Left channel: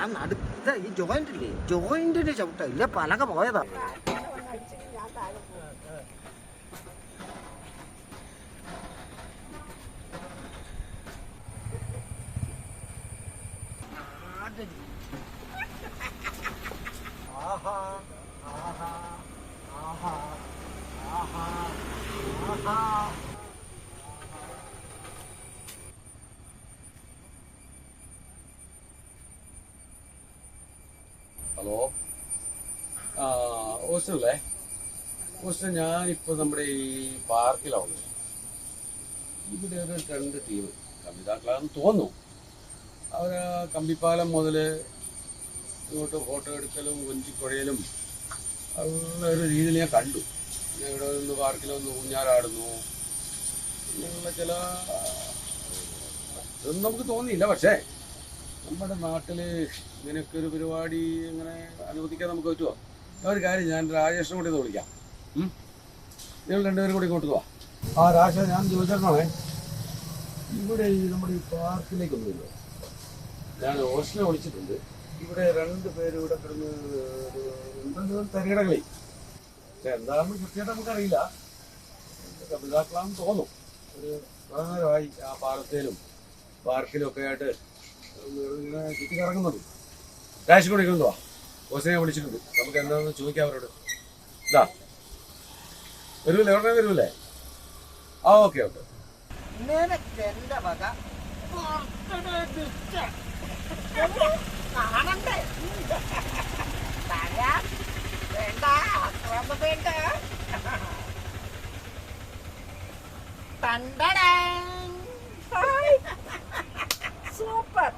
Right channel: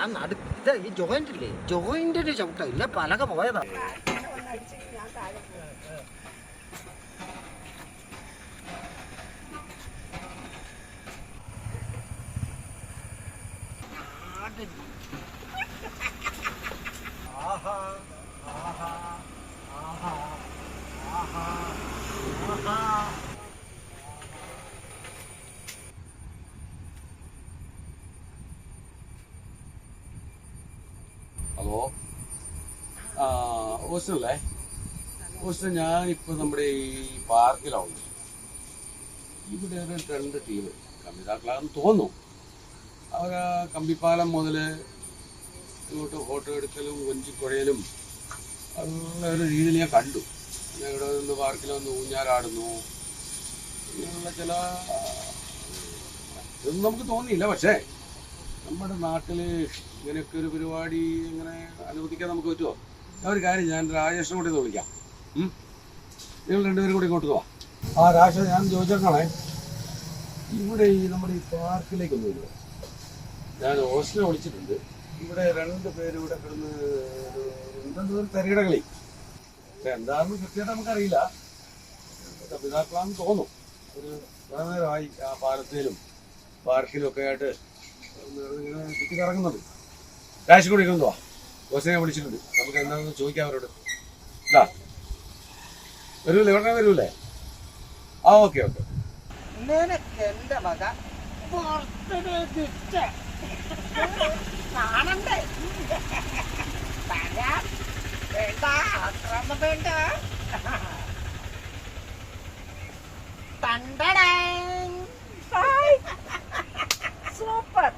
ആ നടുത്ത ഈ ജോയിന്റ് ഇല്ലേ? ജോയിന്റിന്റെ ചവിട്ട. ഇല്ല പലക പോയതാ. ആഹാ ആഹാ ആഹാ ആഹാ. ഹലോ. ആ ഹോസ്റ്റലല്ലേ? ഹോസ്റ്റൽ ഞാനിപ്പോൾ നമ്മുടെ ഈ പാർക്കിലാണ് ഇവിടെ ഒരു രണ്ട് ടീം കമ്പിതാക്കളാണെന്ന് തോന്നുന്നു. അവർ കമ്പിപ്പാലം മുതൽ ഇങ്ങോട്ട് ഫോട്ടോ എടുക്കലും കൊഞ്ചിപ്പുഴയിലും ഉള്ള ഒരു രീതിയിൽ ഞാൻ കണ്ടു. ഇവിടെ നിന്ന് പാർക്കിൽ ഊഞ്ഞാലാടുന്നു. ഇങ്ങനെയുള്ള ചില ഇതൊന്നും നമുക്ക് തോന്നിയില്ല. പക്ഷേ നമ്മുടെ നാട്ടിൽ ഇങ്ങനെയൊക്കെ ഒരു പരിപാടി ഇങ്ങനെ അനുവദിക്കാൻ നമുക്ക് പറ്റുമോ? ഒരു കാര്യം ഞാൻ രാജേഷിനെ കൂടി ഒന്ന് വിളിക്കാം? നിങ്ങൾ രണ്ടുപേരും കൂടി ഇങ്ങോട്ട് പോവാം ആ രാജേഷ് ഞാൻ ചോദിച്ചിരുന്നോളെ ഇവിടെ ഈ നമ്മുടെ ഈ പാർക്കിലേക്ക് ഒന്ന് വരുമോ ഞാൻ ഹോസ്റ്റലിനെ വിളിച്ചിട്ടുണ്ട്. ഇവിടെ രണ്ട് പേര് ഇവിടെ കിടന്ന് ഒരു എന്താണെന്ന് കൃത്യമായിട്ട് നമുക്കറിയില്ല. തമിഴ്നാട്ടിലാണെന്ന് തോന്നും ഒരു പ്രധാനമായി ആ പാലത്തേലും പാർക്കിലും ഒക്കെ ആയിട്ട് ഇങ്ങനെ ചുറ്റി കറങ്ങുന്നത് കാശ് കൊടുക്കുന്നുണ്ടോ ഓസിനെ വിളിച്ചിട്ടുണ്ട്. നമുക്ക് എന്താണെന്ന് ചോദിക്കാം അവരോട്. ഇതാ വരൂല്ലേ ഉടനെ വരൂല്ലേ ആ ഓക്കെ ഓക്കെ. നിനക്ക് വേണ്ട ആക്രമം വേണ്ട തണ്ടടാൻ സൂപ്പർ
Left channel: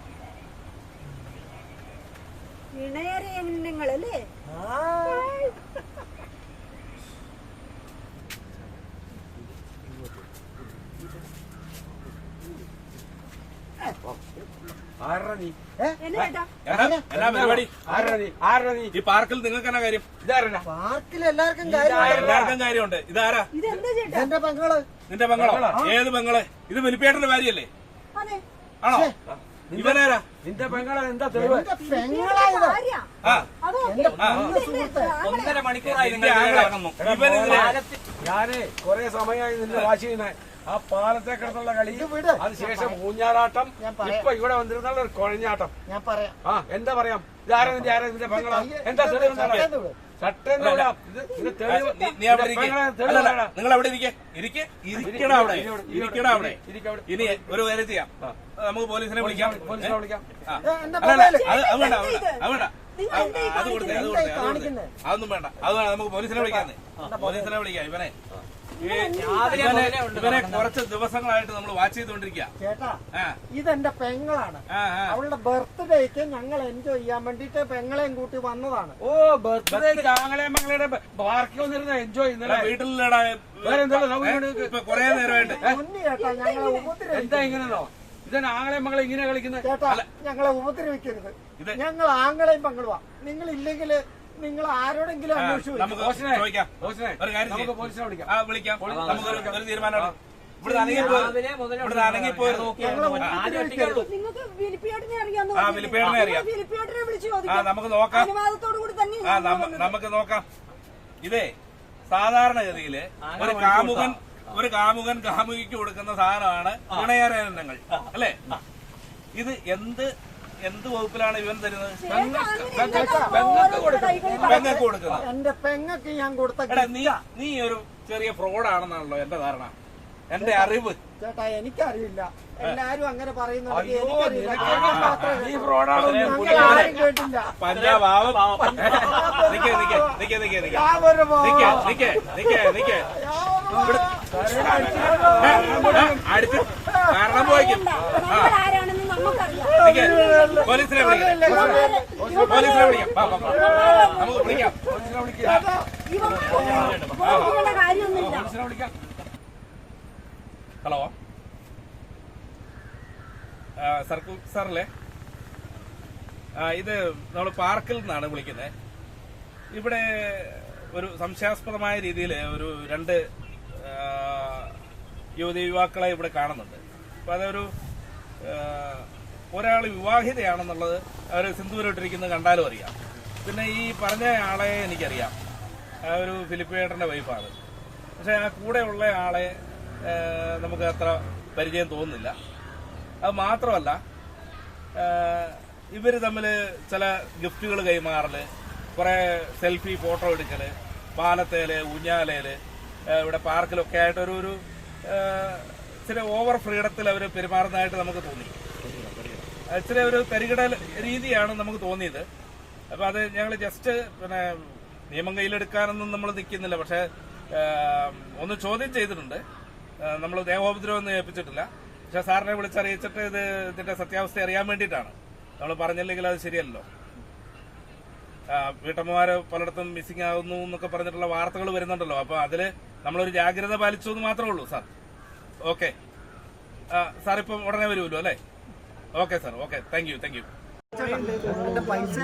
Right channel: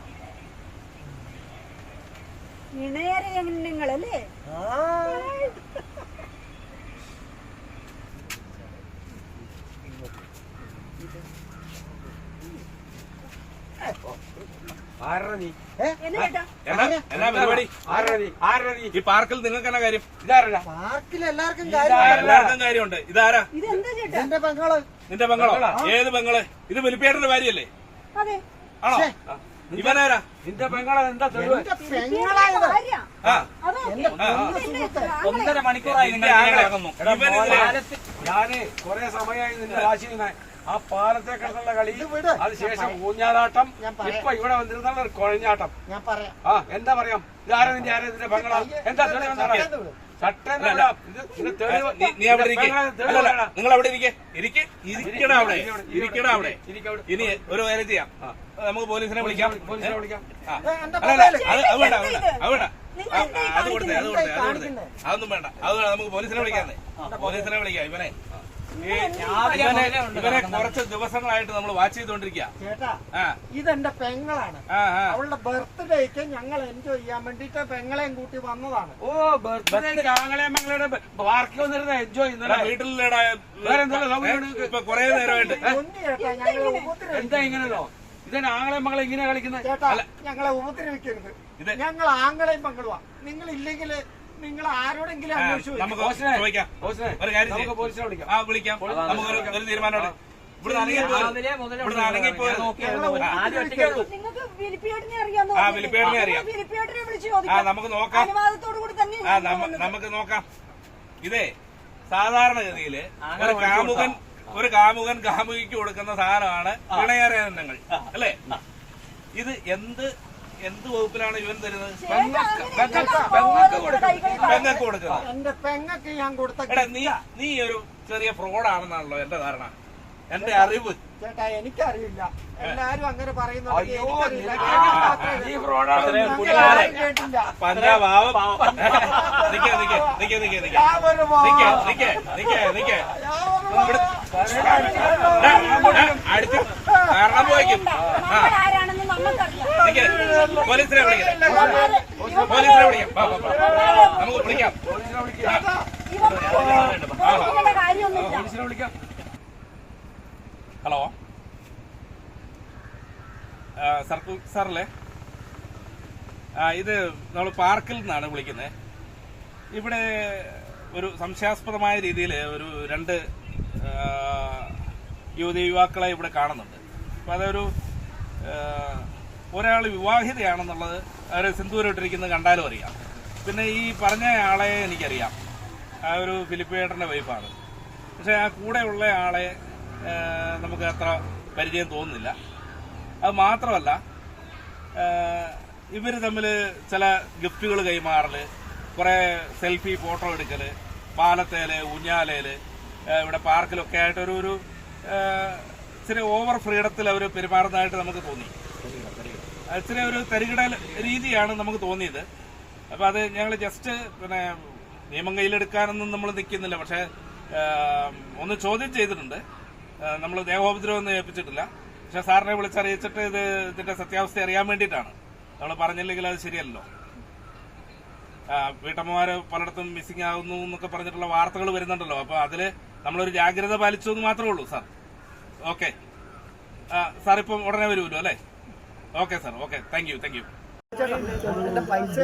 ഇണയറിയ നിങ്ങളല്ലേ ആരാ നീ എന്നെ എന്നാ എന്നാ പരിപാടി ആരാ? നീ ആരാ നീ ഈ പാർക്കിൽ നിങ്ങൾക്ക് എന്നാ കാര്യം? ഇതാരല്ല പാർക്കിൽ എല്ലാവർക്കും എല്ലാവർക്കും കാര്യമുണ്ട്. ഇതാരാ? ഇതെന്താ ചേട്ടാ? എന്റെ പെങ്ങൾ. നിന്റെ പെങ്ങളോ? ഏത് പെങ്ങൾ? ഇത് വലിപ്പേട്ടന്റെ ഭാര്യയല്ലേ? അതെ. ആണോ? ഇവനാരാ? നിന്റെ പെങ്ങളെ എന്താ തെളിവ്? ഒന്നര മണിക്കൂറായി ഞാൻ കൊറേ സമയമായി നിന്റെ വാശിയുമായി. ആ പാലത്തെ കിടന്നുള്ള കളി. അതിനുശേഷം ഊഞ്ഞാലാട്ടം. ഇപ്പൊ ഇവിടെ വന്നിരുന്നുള്ള ഒരു കുഴഞ്ഞാട്ടം. ഞാൻ പറയാം. ആ എന്താ പറയാം? ഇതാരാ നിന്റെ ആരാ നിന്റെ പെങ്ങളാ? എന്താ തെളിവ് നീ- അവിടെ. നിങ്ങൾ അവിടെ ഇരിക്കേ. ഇരിക്കെ. ഇരിക്കണം അവിടെ. ഇരിക്കണം അവിടെ. ഇനി ഒരു കാര്യം ചെയ്യാം. നമുക്ക് പോലീസിനെ വിളിക്കാം. അല്ലല്ല അത് വേണ്ട അത് വേണ്ട. അത് കൊടുത്തേ അത് കൊടുത്തേ? അതൊന്നും വേണ്ട. അത് വേണ്ട നമുക്ക് പോലീസിനെ വിളിക്കാന്നേ പോലീസിനെ വിളിക്കാം ഇവനെ. നടക്കുന്നത്. കുറച്ച് ദിവസങ്ങളായിട്ട് നമ്മൾ വാച്ച് ചെയ്തോണ്ടിരിക്കുക ചേട്ടാ ഇതെന്റെ പെങ്ങളാണ്. അവളുടെ ബർത്ത്ഡേക്ക് ഞങ്ങൾ എൻജോയ് ചെയ്യാൻ വേണ്ടിട്ട് പെങ്ങളെയും കൂട്ടി വന്നതാണ്. ഓ ബർത്ത്ഡേ രാവിലെ മകളുടെ പാർക്കിൽ വന്നിരുന്ന എൻജോയ് ഇപ്പൊ കൊറേ നേരമായിട്ട്. മുന്നേ ചേട്ടാ ഞങ്ങളെ എന്താ ഉപദ്രവിക്കരുത് ഇങ്ങനെയുള്ളോ? ആങ്ങളെയും ആങ്ങളെ മകളെ ഇങ്ങനെ കളിക്കുന്നത്? ചേട്ടാ ഞങ്ങളെ ഉപദ്രവിക്കരുത്. ഇത് ഞങ്ങൾ ആങ്ങളെയും പങ്കിടുവാ നിങ്ങൾ ഇല്ലെങ്കിൽ നിങ്ങൾ ആരോടെങ്കിലും നമുക്ക് ചോദിക്കാം. ഒരു കാര്യം നമുക്ക് ചെയ്യാം. പോലീസിനെ വിളിക്കാം. ആ വിളിക്കാം. നമുക്ക് ഒരു ഒരു തീരുമാനം ഇവിടെ അനങ്ങി രാവിലെ ഇവിടെ അനങ്ങി പോയത് നിങ്ങൾക്ക് അറിയാമോ ആ, ഫിലിപ്പിയേട്ടനെ അറിയാം. ഫിലിപ്പിയേട്ടനെ വിളിച്ച് ആ ചോദിക്കാം നമുക്ക് നോക്കാം. അനുവാദത്തോടു കൂടി തന്നെ ആ നമ്മ- നമുക്ക് നോക്കാം. ഇതേ സാധാരണഗതിയിൽ ഒരു കാമുകൻ ഒരു കാമുകൻ കാമുകിക്ക് കൊടുക്കുന്ന സാധനമാണ് ഇണയാരങ്ങൾ അല്ലേ? ഇത് എന്ത് എന്ത് വകുപ്പിലാണ് ഇവൻ തരുന്നത്? പെങ്ങക്ക് കൊടുക്കുന്നത് എന്റെ പെങ്ങക്ക് ഞാൻ കൊടുത്ത നീ നീ ഒരു ചെറിയ ഫ്രോഡാണെന്നാണല്ലോ എന്റെ ധാരണ. എന്റെ അറിവ്. ചേട്ടാ എനിക്കറിയില്ല. എല്ലാരും അങ്ങനെ പറയുന്നുണ്ട്. അടിച്ചു കാരണം പോയിക്കും. ആ നമ്മൾ ആരാണെന്ന് നമുക്കറിയാം നിക്കേ പോലീസിനെ വിളിക്കട്ടെ പോലീസിനെ വിളിക്കാം. നമുക്ക് വിളിക്കാം പോലീസിന്റെ കാര്യമൊന്നുമില്ല പോലീസിനെ വിളിക്കാം. ഹലോ. ആ, സർക്കു സാറല്ലേ? ഇത് നമ്മൾ പാർക്കിൽ നിന്നാണ് വിളിക്കുന്നത് ഇവിടെ ഒരു സംശയാസ്പദമായ രീതിയിൽ ഒരു രണ്ട് യുവതി യുവാക്കളെ ഇവിടെ കാണുന്നുണ്ട്. അപ്പൊ അതൊരു ഒരാൾ വിവാഹിതയാണെന്നുള്ളത് അവർ സിന്ദൂരിട്ടിരിക്കുന്നത് കണ്ടാലും അറിയാം. പിന്നെ ഈ പറഞ്ഞ ആളെ എനിക്കറിയാം. ആ ഒരു ഫിലിപ്പേട്ടന്റെ വൈഫാണ്. പക്ഷെ ആ കൂടെയുള്ള ആളെ നമുക്ക് അത്ര പരിചയം തോന്നുന്നില്ല. അത് മാത്രമല്ല ഇവർ തമ്മിൽ ചില ഗിഫ്റ്റുകൾ കൈമാറൽ കുറെ സെൽഫി ഫോട്ടോ എടുക്കൽ പാലത്തേൽ ഊഞ്ഞാലേൽ ഇവിടെ പാർക്കിലൊക്കെ ആയിട്ടൊരു ഒരു ഇച്ചിരി ഓവർ ഫ്രീഡത്തിൽ അവർ പെരുമാറുന്നതായിട്ട് നമുക്ക് തോന്നി. ഇച്ചിരി ഒരു തരികിട രീതിയാണ് നമുക്ക് തോന്നിയത്. അപ്പൊ അത് ഞങ്ങൾ ജസ്റ്റ് പിന്നെ നിയമം കയ്യിലെടുക്കാനൊന്നും നമ്മൾ നിൽക്കുന്നില്ല. പക്ഷെ ഒന്ന് ചോദ്യം ചെയ്തിട്ടുണ്ട്. നമ്മൾ ദേഹോപദ്രവമൊന്നും ഏൽപ്പിച്ചിട്ടില്ല. പക്ഷെ സാറിനെ വിളിച്ചറിയിച്ചിട്ട് ഇത് ഇതിന്റെ സത്യാവസ്ഥ അറിയാൻ വേണ്ടിയിട്ടാണ്. നമ്മൾ പറഞ്ഞില്ലെങ്കിൽ അത് ശരിയല്ലോ വീട്ടമ്മമാര് പലയിടത്തും മിസ്സിംഗ് ആകുന്നു എന്നൊക്കെ പറഞ്ഞിട്ടുള്ള വാർത്തകൾ വരുന്നുണ്ടല്ലോ. അപ്പൊ അതിൽ നമ്മളൊരു ജാഗ്രത പാലിച്ചു എന്ന് മാത്രമേ ഉള്ളൂ സാർ. ഓക്കെ സാർ ഇപ്പം ഉടനെ വരുമല്ലോ അല്ലേ? Okay sir okay thank you thank you പൈസ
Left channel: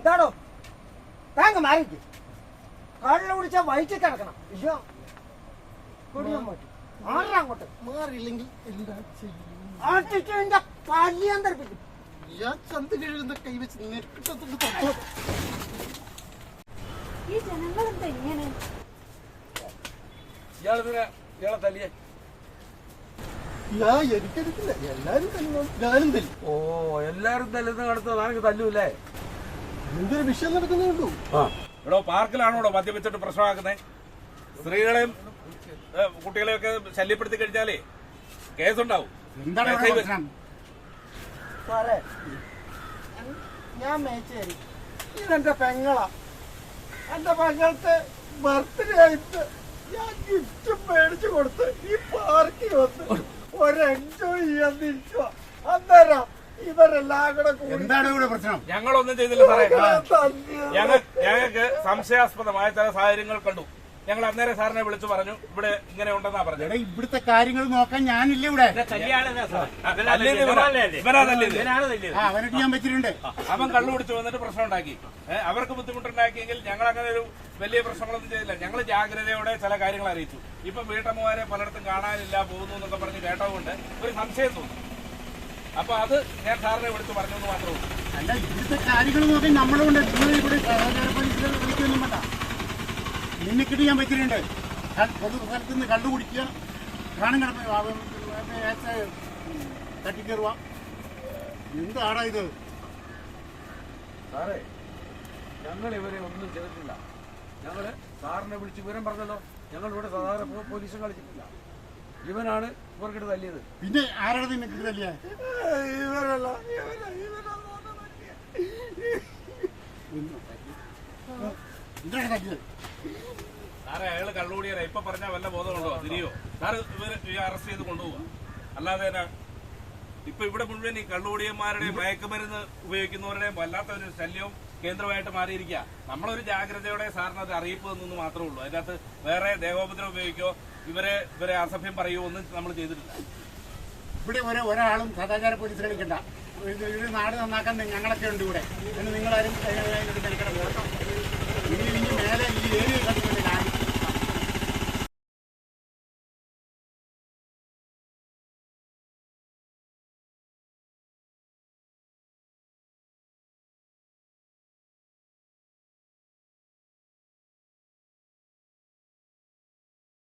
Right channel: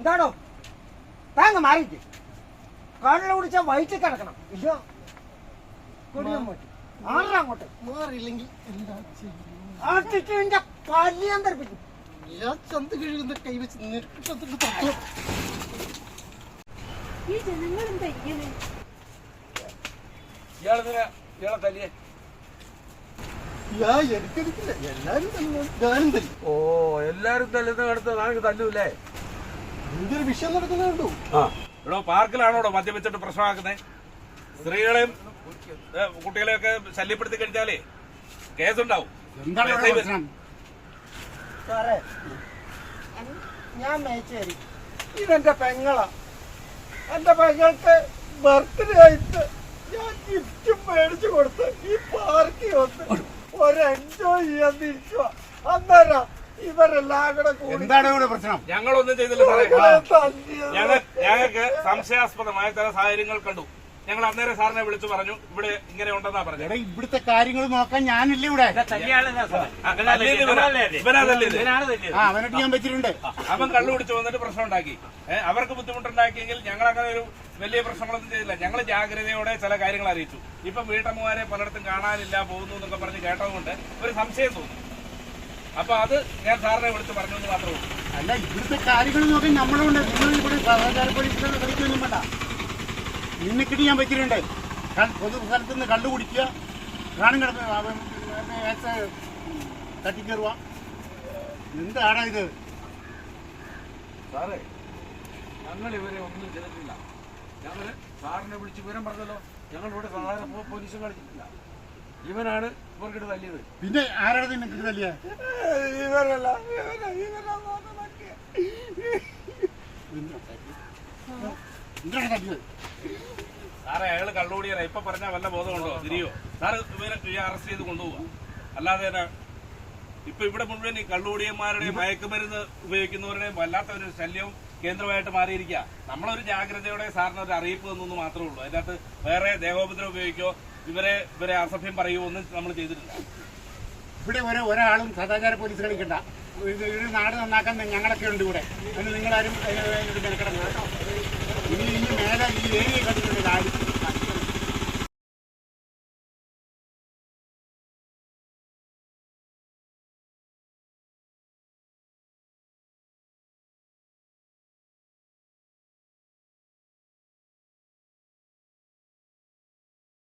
എന്താണോ? താങ്ക മാറിക്ക് കള്ളു കുടിച്ച വൈറ്റ് കിടക്കണം. ഇല്ലോ കൊടിയാൻ പോയി ആറാ അങ്ങോട്ട്? മാറിയില്ലെങ്കിൽ ആട്ടിട്ട് എന്റെ പല്ലിയാൻ തെറിപ്പിക്കും. ഞാൻ ചന്ത കഴുകുന്ന കൈവച്ച് നെട്ടിട്ടത്തിൽ തട്ടോ. ഈ ജനങ്ങളെന്താ ഇങ്ങനെ? ഇയാളെ ഇയാളെ തല്ലിയേ. ഞാൻ എനിക്കെടുക്കില്ല എല്ലാരും തല്ലും ഞാനും തല്ലും. ഓ എല്ലാരും തല്ലുന്ന കടത്ത് നാളെ തല്ലൂല്ലേ? എന്തൊരു വിഷയം നടക്കുന്നുണ്ടോ ഇവിടെ പാർക്കിലാണോ മദ്യപിച്ചിട്ട് പ്രശ്നമാക്കുന്നത് സ്ത്രീകളെയും കുട്ടികളെയും ഒക്കെ ശല്യപ്പെടുത്തി കഴിഞ്ഞാലേ കേസുണ്ടാവും. ഞാൻ മേച്ചേരി. ഇതെന്റെ പെങ്ങളാ. എന്റെ പെങ്ങൾക്ക് ബർത്ത്ഡേ ആയിട്ട് ഞാൻ ഗിഫ്റ്റ് മേടിച്ചു കൊടുത്ത് ഈ പാർക്കിൽ വന്ന് ഒരു എൻജോയ് ചെയ്യാൻ ഇവരെല്ലാം കൂടെ കൂടി എന്താണ് ഇവിടെ പ്രശ്നം? ഞങ്ങളൊന്നും ചെയ്തില്ല സാറേ. ഞങ്ങളെ തല്ലിയത്. ഞങ്ങൾ ഞങ്ങൾക്ക് സംശയാസ്പദമായ ചില സാഹചര്യങ്ങൾ കണ്ടു. ഞങ്ങൾ അന്നേരം സാറിനെ വിളിച്ചു പറഞ്ഞു ഇവിടെ ഇങ്ങനെ ഉണ്ടെന്നാ പറഞ്ഞത്. എടാ ഇവിടുത്തെ കാര്യങ്ങൾ നോക്കാൻ ഞാനില്ല ഇവിടെ. ആ അവനായിട്ട് ഞാൻ വെച്ചിട്ടുണ്ട്. അവൻ കള്ളു പിടിച്ചു വന്നിട്ട് പ്രശ്നം ഉണ്ടാക്കി ഏഹ് അവർക്ക് ബുദ്ധിമുട്ടുണ്ടാക്കിയെങ്കിൽ ഞങ്ങൾ അങ്ങനെ ഒരു വലിയ പ്രശ്നങ്ങളൊന്നും ചെയ്തില്ല. ഞങ്ങൾ ജാഗ്രതയോടെ ചില കാര്യങ്ങൾ അറിയിച്ചു. ഇപ്പൊ വീട്ടമ്മമാരെ പലയിടത്തും കാണാനില്ല പോകുന്നു എന്നൊക്കെ പറഞ്ഞ് കേട്ടതുകൊണ്ട് ഒരു സംശയം തോന്നി. അപ്പൊ അത് ഞാൻ സാറിനെ വിളിച്ച് പറഞ്ഞു എന്ന് മാത്രമേ ഉള്ളൂ. അല്ല ഇവിടുത്തെ കാര്യങ്ങൾ നോക്കി നമ്മളുണ്ട് നിങ്ങൾ ഇവിടെ സഹകാര പോലീസിനെ വിളിക്കൊന്നും വേണ്ട. നിന്നിക്കിട്ട് ഞാൻ ക- പൊതു സ്ഥലത്ത് നിന്ന് കണ്ടുപിടിക്കുക കുടിക്കുക പ്രാണം കിടന്ന് തട്ടിക്കയറുക എന്താടാ ഇത്? സാറേ ഞങ്ങൾ ഇവരെ ഒന്നും ചെയ്തിട്ടില്ല. ഞങ്ങൾ സാറിനെ വിളിച്ച് വിവരം പറഞ്ഞല്ലോ. ഞങ്ങൾ ഇവിടെ സാധാരണ പോലീസും കളിച്ചിട്ടില്ല. ഇവനാണ് ഇവർക്കിട്ട് തല്ലിയത്. പിന്നെ ആരാണ് നിനക്ക് തല്ലിയ? ഇവരല്ല സാറേ അയാൾ കള്ളുകൂടിയാ ഇപ്പൊ പറഞ്ഞ വല്ല ബോധമുണ്ടോ? തിരിയോ? സാറ് ഇവരെ അറസ്റ്റ് ചെയ്ത് കൊണ്ടുപോവാ. അല്ലാതെ ഇപ്പൊ ഇവിടെ മുഴുവൻ ഈ കള്ളുകൂടിയന്മാരുടെയും മയക്കുമരുന്ന് ഉപയോഗിക്കുന്നവരുടെയും വല്ലാത്ത ഒരു ശല്യവും കേന്ദ്രമായിട്ട് മാറിയിരിക്കുക നമ്മളൊരു ജാഗ്രതയോടെ സാറിന് അത് അറിയിപ്പ് തന്നു മാത്രമേ ഉള്ളൂ. അതിനകത്ത് വേറെ ദേഹോപദ്രം ഉപയോഗിക്കോ ഇവരെ ഇവരെ അസഭ്യം പറയുമോ ഒന്നും നമ്മൾ ചെയ്തിട്ടില്ല. ഇവിടെ ഒരു ഒരാളും സദാചാര പോലീസ് കളിക്കണ്ട ഇത് നാട് നന്നാക്കാൻ ഞങ്ങളൊക്കെ ഉണ്ട് ഇവിടെ. ഒന്ന് നിങ്ങളാരും അതിന്